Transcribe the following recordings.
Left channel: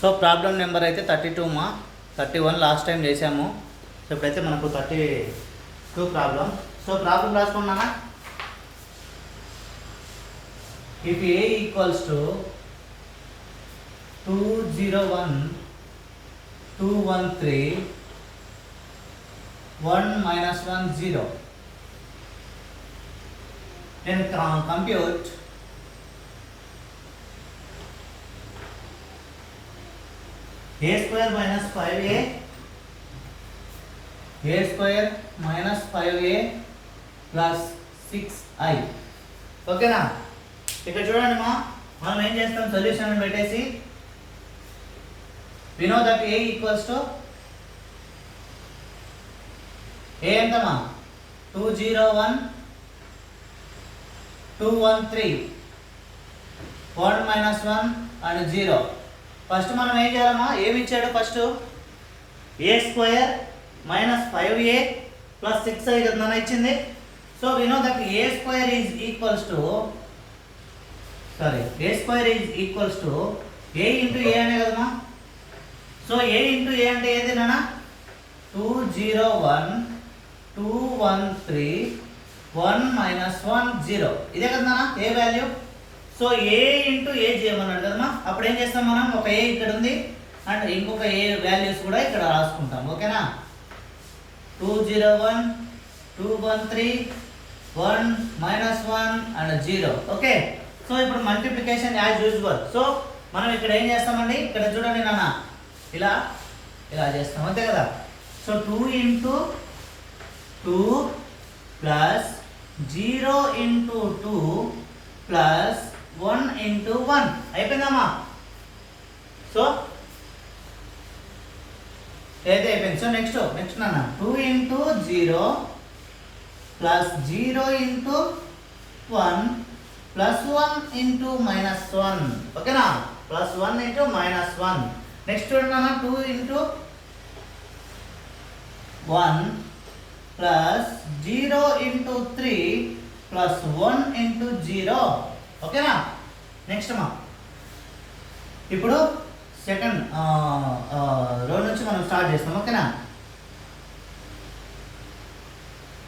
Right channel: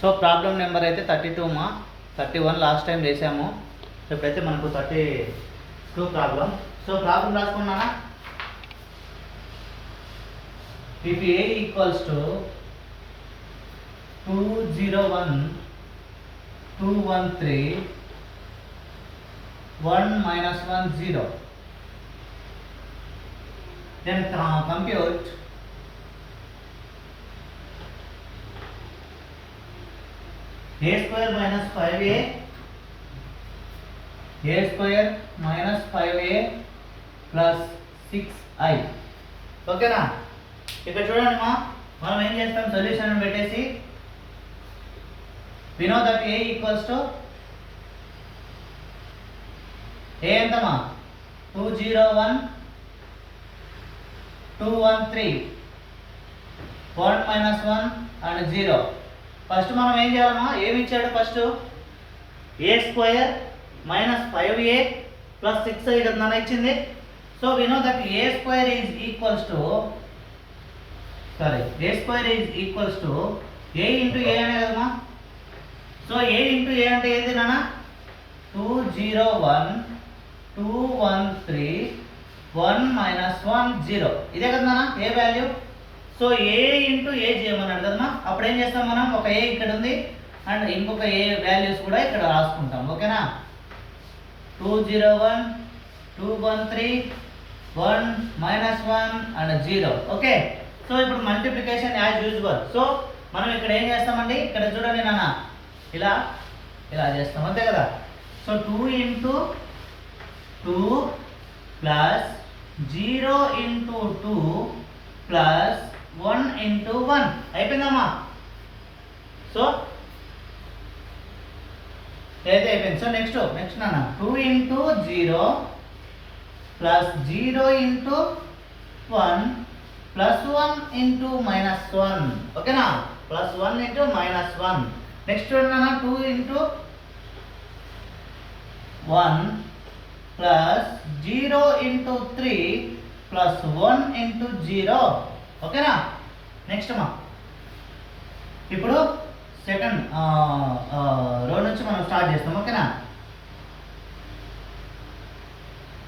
So problem number అయితే 32 మా 31 last time చేసాము. సో ఇప్పుడైతే మనకు 32 ప్రాబ్లం. సో ప్రాబ్లం రాసుకున్నానా? If a equals to 201 213 1 minus 1 0, then compute a square minus 5a square minus 5a plus 6i. ఓకేనా? ఇక్కడ చూడండి మనం ఏం చేస్తాం, సొల్యూషన్ పెట్టేసి we know that a equals to a ఎంతమా 201 213 1 minus 1 and 0. ఫస్ట్ మనం ఏం చేయాలమ్మా, ఏమి ఇచ్చాడు first a square minus 5a plus 6i కదా ఇచ్చింది. So we know that a square is equals to a into a అనే కదమ్మా. సో ఏ ఇంటూ ఏ అంటే ఏది నాన్న, 201 213 1 minus 1 0, ఇదే కదా నాన్న ఏ వాల్యూ. సో ఏ ఇంటూ ఏ చేయమన్నాడు కదమ్మా. అప్పుడు ఏం చేస్తాం మనం, ఒక ఏ ఇక్కడ ఉంది అండ్ ఇంకొక ఏ వాల్యూస్ కూడా ఇక్కడ రాసుకుంటాం. ఓకేనా? 201 213 1 minus 1 and 0. ఓకే. సో ఇప్పుడు మల్టిప్లికేషన్ యాజ్ యూజువల్. సో మనం ఇక్కడ ఏం చేస్తామండి, ఇక్కడ చూడండి నాన్న, ఇలా చేస్తాం అంతే కదా. So 2 into 2 plus 0 into 2 plus 1 into 1 అయిపోయిందమ్మా. సో ఏదైతే అయిపోయింది. సో నెక్స్ట్ నాన్న 2 into 0 plus 0 into 1 plus 1 into minus 1. ఓకేనా? ప్లస్ 1 ఇంటూ మైనస్ 1. నెక్స్ట్ నాన్న 2 ఇంటూ 1 ప్లస్ 0 ఇంటూ 3 ప్లస్ 1 ఇంటూ 0. ఓకేనా? నెక్స్ట్ అమ్మా, ఇప్పుడు సెకండ్ రో నుంచి మనం స్టార్ట్ చేస్తాం. ఓకేనా?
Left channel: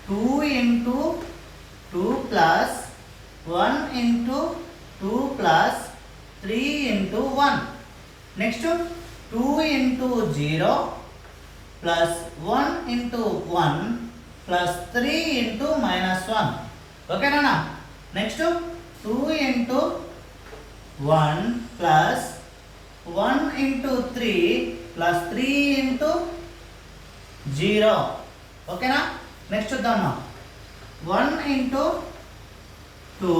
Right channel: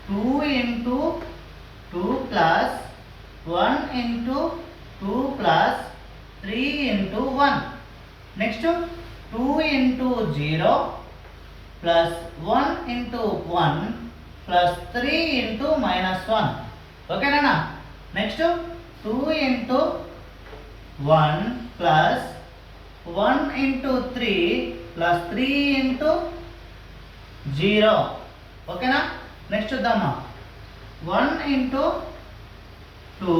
2 into 2 plus 1 into 2 plus 3 into 1. Next 2 into 0 plus 1 into 1 plus 3 into minus 1. ఓకేనా? Next 2 into 1 plus 1 into 3 plus 3 into 0. ఓకేనా? నెక్స్ట్ చూద్దామా, 1 ఇంటూ 2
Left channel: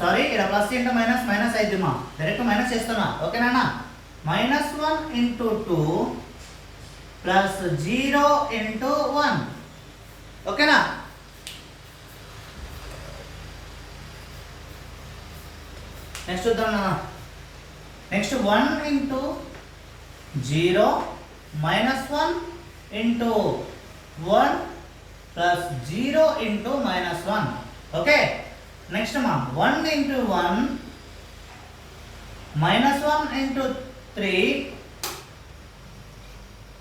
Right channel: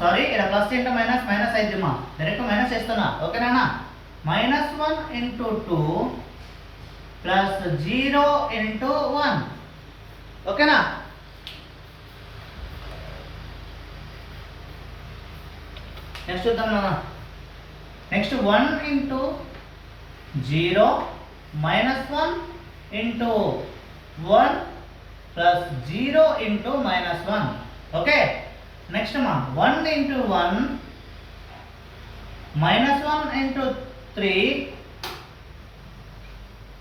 సారీ ఇక్కడ ప్లస్ ఇంటూ మైనస్ మైనస్ అయిద్దిమా, డైరెక్ట్ మైనస్ చేస్తున్నా. ఓకేనా? Minus 1 into 2 plus 0 into 1. ఓకేనా? Next చూద్దాం నాన్న. నెక్స్ట్ 1 ఇంటూ 0 మైనస్ 1 ఇంటూ 1 ప్లస్ 0 ఇంటూ మైనస్ 1. ఓకే. నెక్స్ట్ మా 1 ఇంటూ 1 మైనస్ 1 ఇంటూ 3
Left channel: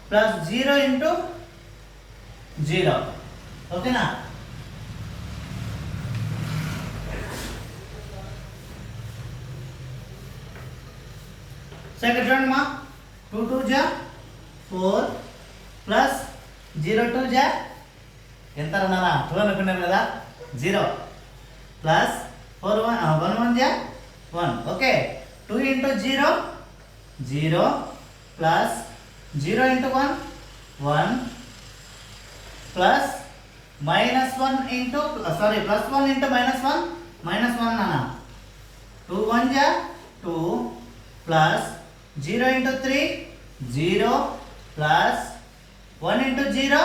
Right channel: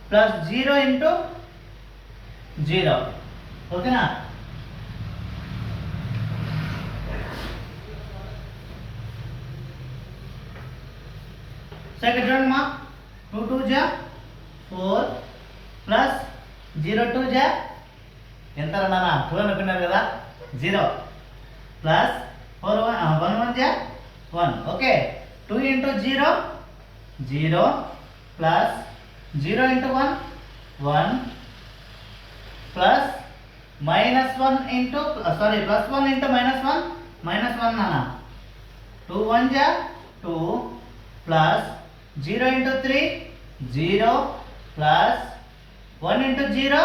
ప్లస్ 0 ఇంటూ 0. ఓకేనా? సో ఇక్కడ చూడండి మా 2 2 జా 4 ప్లస్ 0 2 జా ఎంత అన్నానా, 12 అనుకున్నారు కదా, 0 ప్లస్ 4 1 1 జా 1. ఓకే. 2 into 0 0 plus 0 into 1 1 plus minus 1 into sorry plus 1 into minus 1 మైనస్ 1 నాన్న. 2 1 జా 2 ప్లస్ 0 ఇంటూ 3 0 ప్లస్ 1 ఇంటూ 0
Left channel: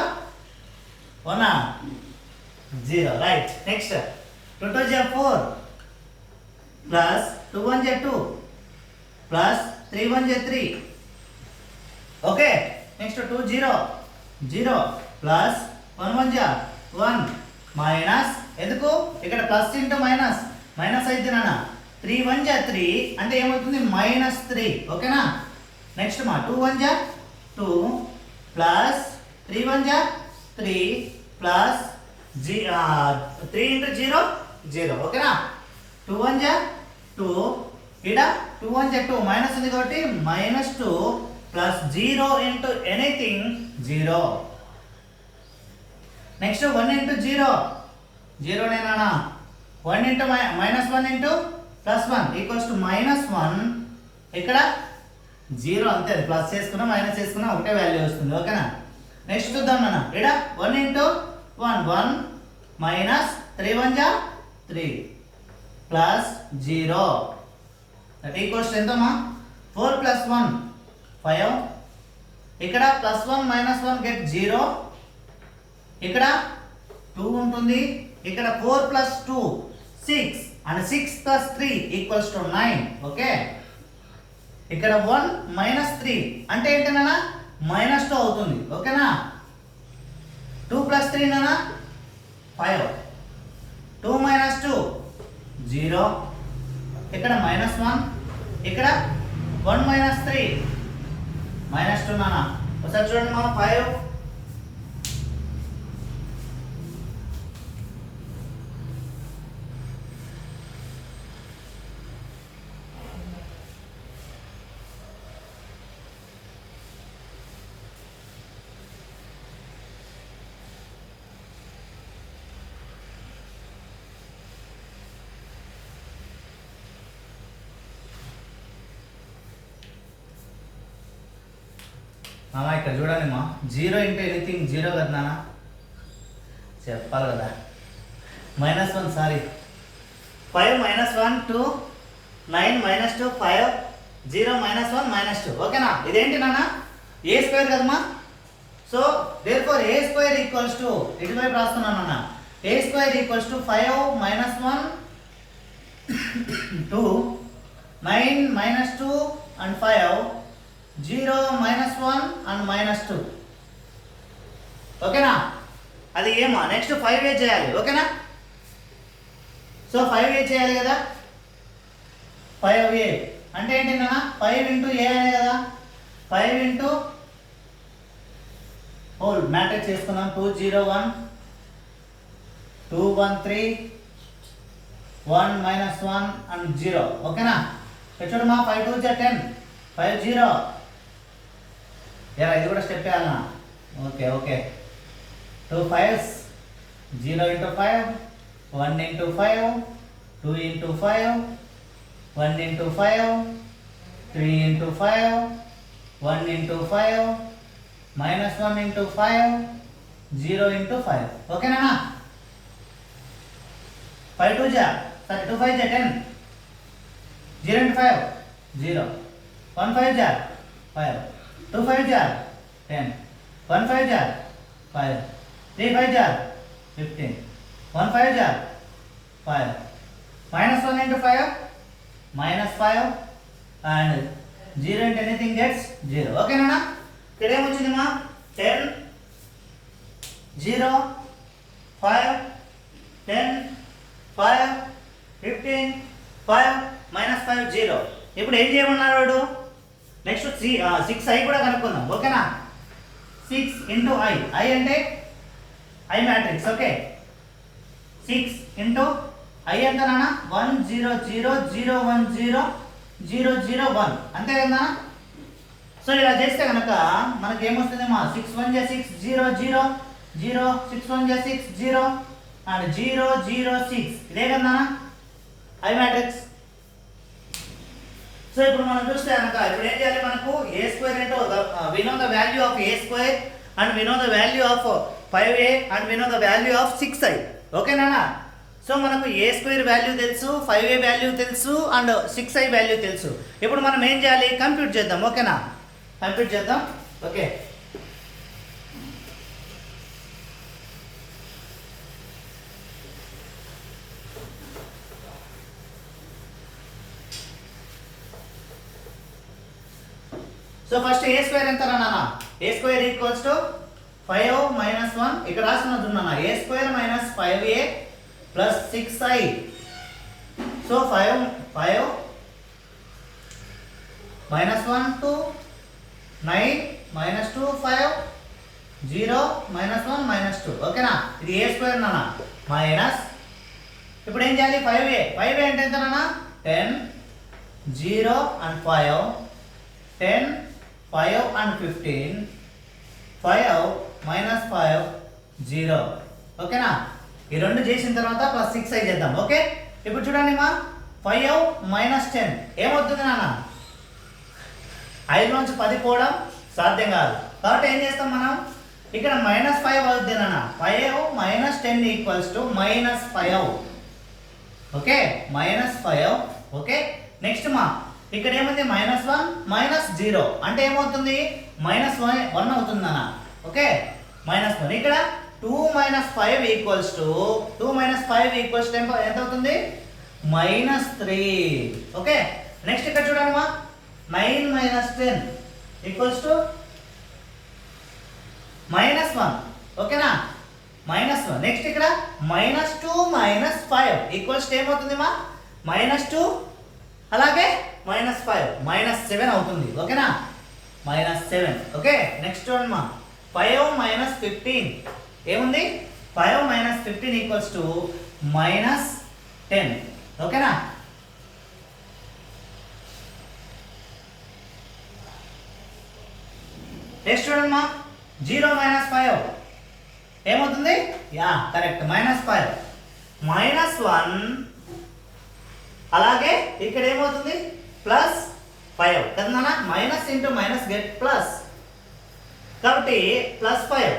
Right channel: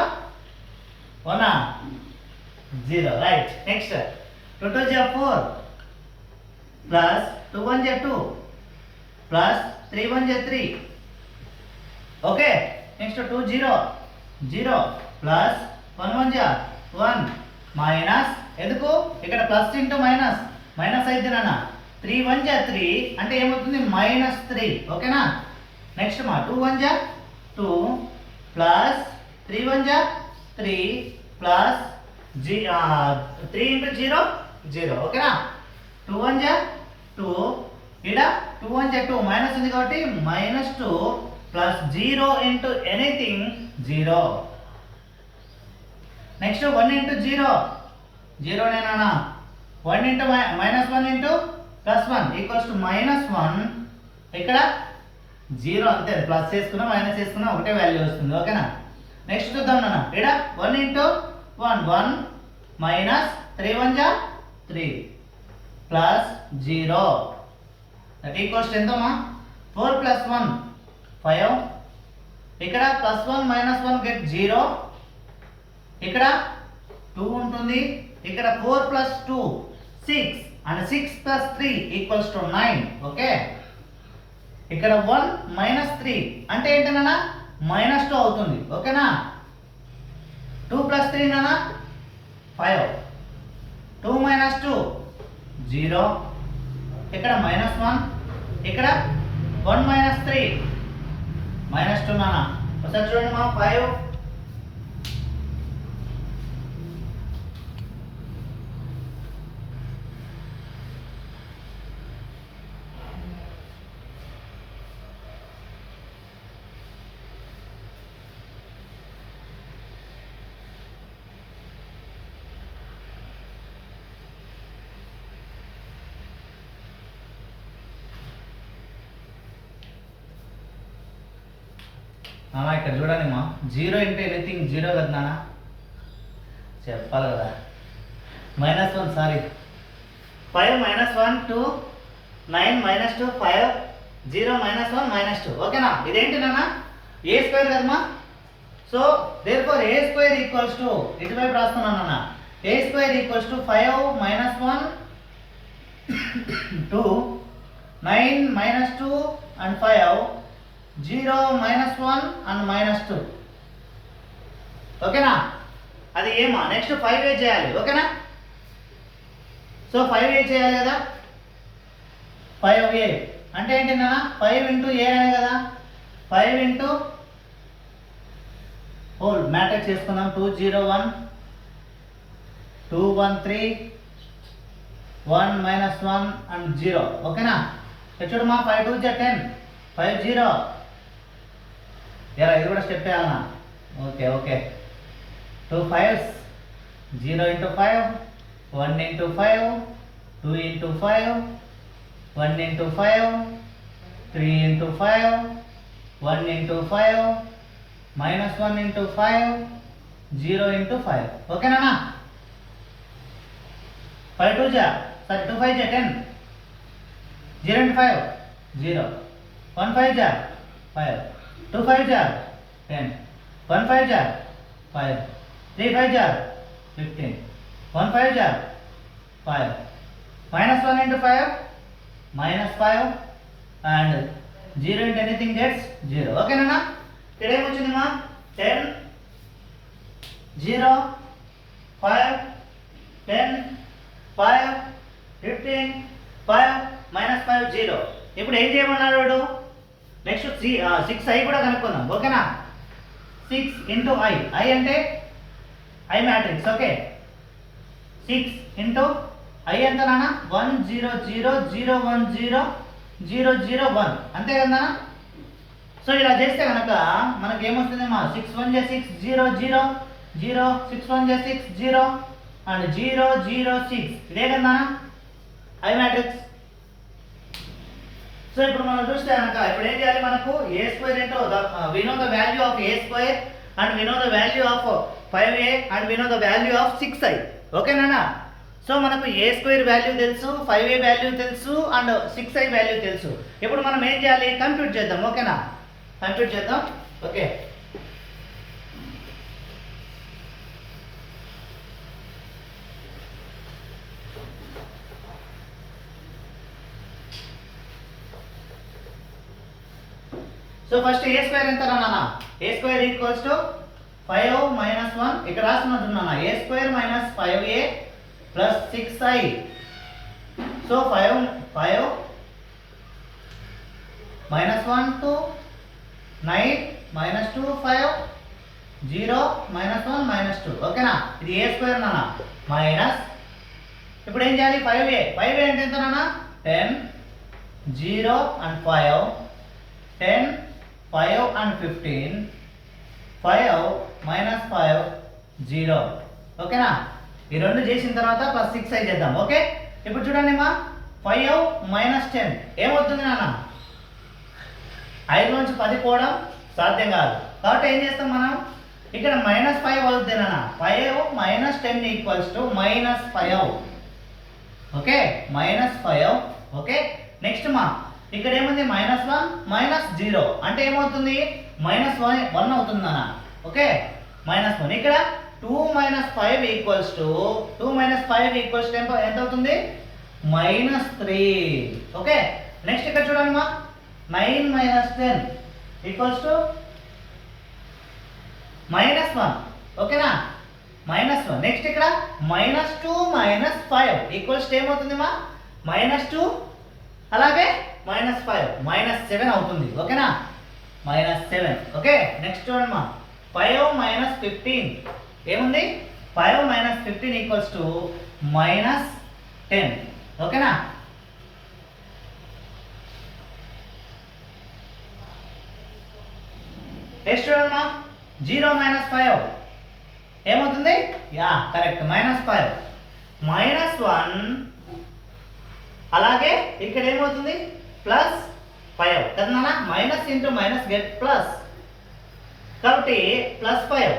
1 0. రైట్. నెక్స్ట్ 2 2 జా 4 ప్లస్ 2 1 జా 2 ప్లస్ 3 1 జా 3. ఓకే. నెక్స్ట్ 2 0 0 ప్లస్ 1 1 జా 1 మైనస్, ఎందుకు ఇక్కడ ప్లస్ ఇంటూ మైనస్ మైనస్ అయితే నాన్న 3 1 జా 3 అంటే ఏమవుతుంది -3 ఓకేనా. నెక్స్ట్ మా 2 1 జా 2 ప్లస్ 3 1 జా 3 ప్లస్ 3 ఇంటూ 0 0 ఓకేనా. 2 1 జా 2 ఇక్కడ 2 1 జా 2 మైనస్ ఉంది కాబట్టి -2 ప్లస్ 0 ఇంటూ ఎనీథింగ్ 0. నెక్స్ట్ 1 ఇంటూ 0 0 నేనా 1 ఇంటూ -1 ఇంటూ +1 ఈక్వల్స్ టు -1 ఇక్కడ 0 అంతే ప్లస్ చేసుకున్నా మైనస్ చేసుకున్నా ఒకటే వాల్యూ వస్తుంది ఓకేనా. నెక్స్ట్ చూద్దాం నాన్న ఇక్కడ 1 ఇంటూ 1 1 మైనస్ 3 1 జా 3 ప్లస్ 0 దట్ ఈక్వల్స్ ఎంతమ్మా 4 ప్లస్ 1 5 ఇక్కడ +1 -1 గెట్ 0 ఇక్కడ 2 ఉంటుంది ఇక్కడ 4 ప్లస్ 2 6 and 6 plus 3 equals to 9 ఓకే. ఇక్కడ 1 minus 3 అంటే ఏంటి నాన్న -2 అవుతుంది ఓకేనా. 2 plus 3 నాన్న 5 2 minus 2 0 ఇక్కడ -1 ఇక్కడ 1 minus 3 -2 నాన్న ఒకసారి చూడండి మా 5 ఇక్కడ చూడండి మా 0 ఇంటూ ఎనీథింగ్ 0 కదా నాన్న చెప్పాలి కదా -1 సారీ 5 -1 2 9 -2 5 0 -1 -2 ఓకేనా. ఇదేంటి నాన్న a స్క్వేర్ కదమ్మా. So therefore a square equals to ఇటువైపు రాస్తున్నాను నాన్న a స్క్వేర్ ఈక్వల్స్ టు 5 -1 2 9 -2 and 5 0 -1 and -2 ఓకేనా. అది ఏమా నెక్స్ట్ 5a చేయాలి ఓకేనా. సో 5a చేయాలి కదా 5a అంటే ఏంటి నాన్న 5 ఇంటూ a అనే కదా 5 ఇంటూ హోల్ మ్యాట్రిక్స్ చేసుకుందాం 2 0 1 2 1 3 1 -1 and 0 ఓకేనా. చూడమ్మా 5 2 10 5 0 ఇది కూడా స్టెప్ వేయాలన్నా okay okay 2 5s 0 into 5 1 into 5 2 into 5 1 into 5 3 into 5 1 into 5 -1 into 5 0 into 5 ఓకేనా. 5 2 జా సారీ 2 5 జా 10 0 ఇంటూ 5 0 1 5 జా 5 2 5 jar 10 1 5 jar 5 3 5 jar 15 1 5 jar 5 -1 into 5 -5 and 0 into anything gets 0 ఓకే నాన్న. ఇక్కడ ఏమొచ్చింది మా 10 0 5 10 5 15 5 -5 0 ఇప్పుడు ఏం చేయమన్నాడు నెక్స్ట్ 6i కూడా కనుక్కుందాం ఓకేనా. 6 ఇంటూ i అంటే i matrix okay. 6 into i ఎంత నాన్న 1 0 0 0 1 0 0 0 1 అంతే కదా నాన్న. సో ఇలా చేస్తే కనుక మనకి ఏమొస్తుందేమో 6 1 6 0 0 0 6 1 6 0 అండ్ 0 0 6 ఇదే కదా నాన్న i మ్యాట్రిక్స్. సో ఇప్పుడు మనం చూస్తే కనుక ఇప్పుడు ఏం చేయాలి మనకు a square into we know the value of a square and we know the value of 5a and we know the value of 6i ఓకేనా. సో మనకు a స్క్వేర్ వాల్యూ తెలుసు 5a వాల్యూ తెలుసు అండ్ 6i వాల్యూ తెలుసు. ఇప్పుడు మనం ఏం చేయాలి కంప్యూట్ చేద్దాం ఓకేనా. కంప్యూట్ చేద్దాం okay. So first a square ఎంత నాన్న a స్క్వేర్ ఈక్వల్స్ టు 5 -1 ఇక్కడ రాస్తున్నట్టు నాన్న a square -5a plus 6i. So 5 5 minus 1 2 9 minus 2 5 0 minus 1 minus 2 ఓకేనా ఇది a స్క్వేర్ నాన్న మైనస్ ఇప్పుడు ఏం చేయాలి 5a అంటే ఎంత నాన్న 10 0 and 5 10 5 and 15 5 minus 5 0 ఓకేనా ఈ రెండు చేసిన తర్వాత ప్లస్ 6 చేద్దాం ఓకే ఇప్పుడు చూడండి మా 5 మైనస్ 10 ఏమవుతుంది నాన్న 5 నుంచి 10 పోవడం సాధ్యం కాదు కాబట్టి ఏం చేస్తాం మనం ఇక్కడ -5 అవుతుంది నాన్న 5 మైనస్ 10 ఈక్వల్స్ టు -5 ఓకే -5 ఓకే నెక్స్ట్ మా ఇక్కడ ఏముంది -1 -0 అంటే ఏమవుతుంది -1 అవుతుంది నాన్న ఓకే -1 ఇక్కడ 2 - 5 ఈక్వల్స్ టు 2 - 5 ఈక్వల్స్ టు ఎంత అవుతుంది -3 ఓకే నెక్స్ట్ ఇక్కడ చూడండి మా 9 - 10 ఈక్వల్స్ టు -1 ఓకేనా -1 నెక్స్ట్ ఇక్కడ -2 - 5 ఈక్వల్స్ టు ఏమవుతుంది మా -2 అలాగే -5 -7 అవుతుంది ఓకేనా -7 ఓకే నెక్స్ట్ చూడండి మా 5 - 15 ఏముంది 5 - 15 ఈక్వల్స్ టు -10 ఓకేనా నెక్స్ట్ చూడండి మా 0 - 5 ఏమవుతుంది యా కరెక్ట్ -5 -1 అలాగే ఇక్కడ ఏమవుతుంది +5 కదా నాన్న minus into minus get plus కాబట్టి +5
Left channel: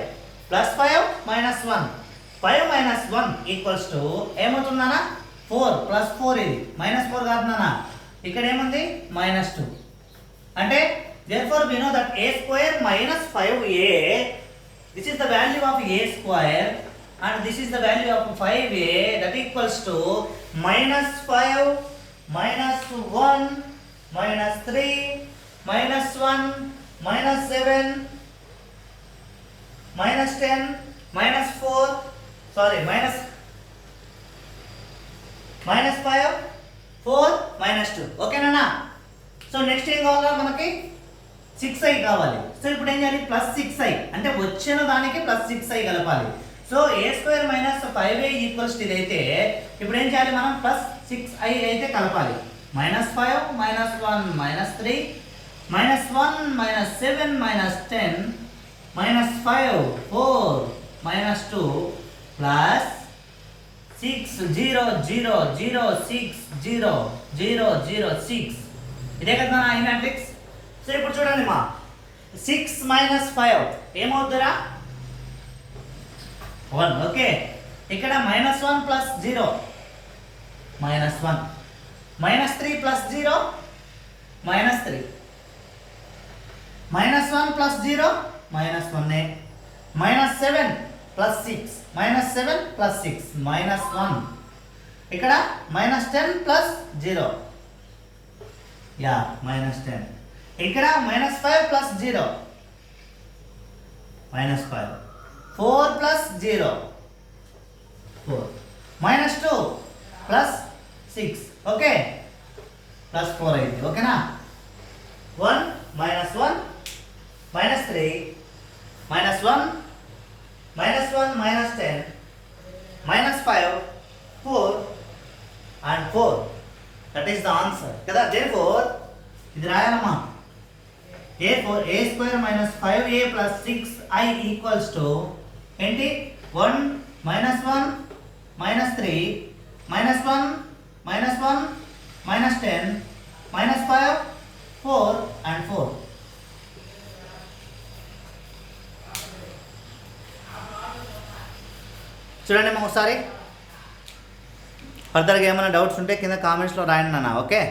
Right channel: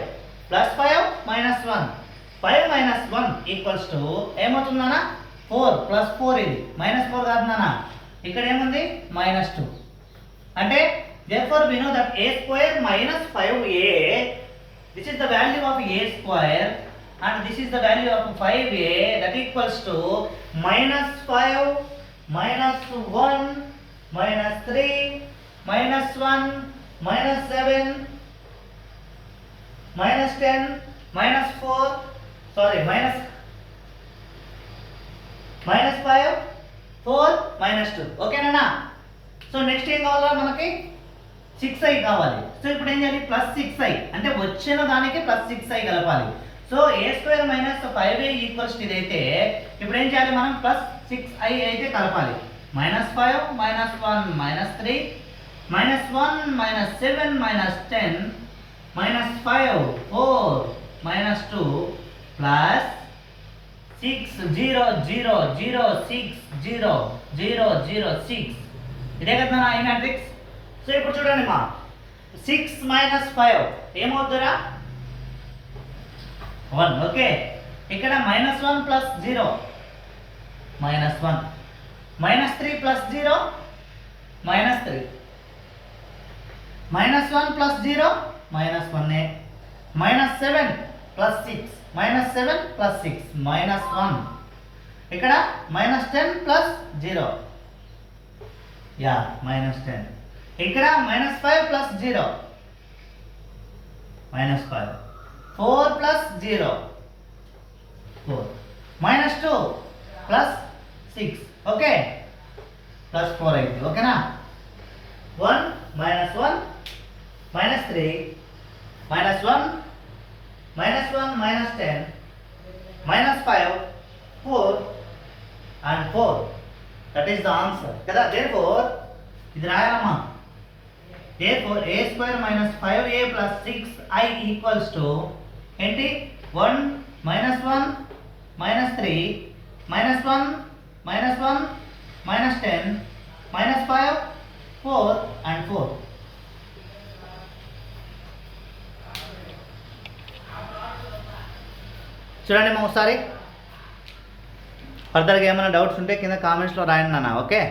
+5 -1 5 - 1 ఈక్వల్స్ టు ఏమవుతుంది నాన్న 4 +4 ఇది -4 కాదు నాన్న ఇక్కడ ఏముంది -2 అంటే therefore we know that a square minus 5a this is the value of a square and this is the value of 5a that equals to -5 -1 -3 -1 -7 -10 -4 sorry -5 4 -2 ఓకేనా సో నెక్స్ట్ ఏం కావాలా మనకి 6i కావాలి సో ఇప్పుడు ఏం చేయాలి +6i అంటే వచ్చిన దానికి +6i కలపాలి so a² - 5a equals to ఇదైతే ఇప్పుడు ఏం చేయాలి మనం +6i అయితే కలపాలి -5 -1 -3 -1 -7 -10 -5 4 -2 plus 6 0 0 0 6 0 0 0 6 ఇదే కదా ఈ మ్యాట్రిక్స్ సో ఇప్పుడు చూడండి మా 6 - 5 ఏమవుతుందిరా 1 ఓకే ఇక్కడ -1 + 0 -1 -3 + 0 -3 -1 + 0 -1 -7 + 6 -7 + 6 -1 ఇక్కడ -10 + 0 యా -10 ఇక్కడ -5 + 0 -5 4 + 0 4 -2 + 6 ఓకే +4 అయింది ఓకేనా 1 -1 -3 -1 -1 -10 -5 4 and 4 that is the answer కదా therefore ఇది రాయాలమ్మా a² - 5a + 6i ఈక్వల్స్ టు ఏంటి 1 -1 -3 -1 -1 -10 -5 4 and 4 చూడండి మా ఒకసారి ఫర్దర్గా ఏమైనా డౌట్స్ ఉంటే కింద కామెంట్స్లో రాయండి నాన్న ఓకే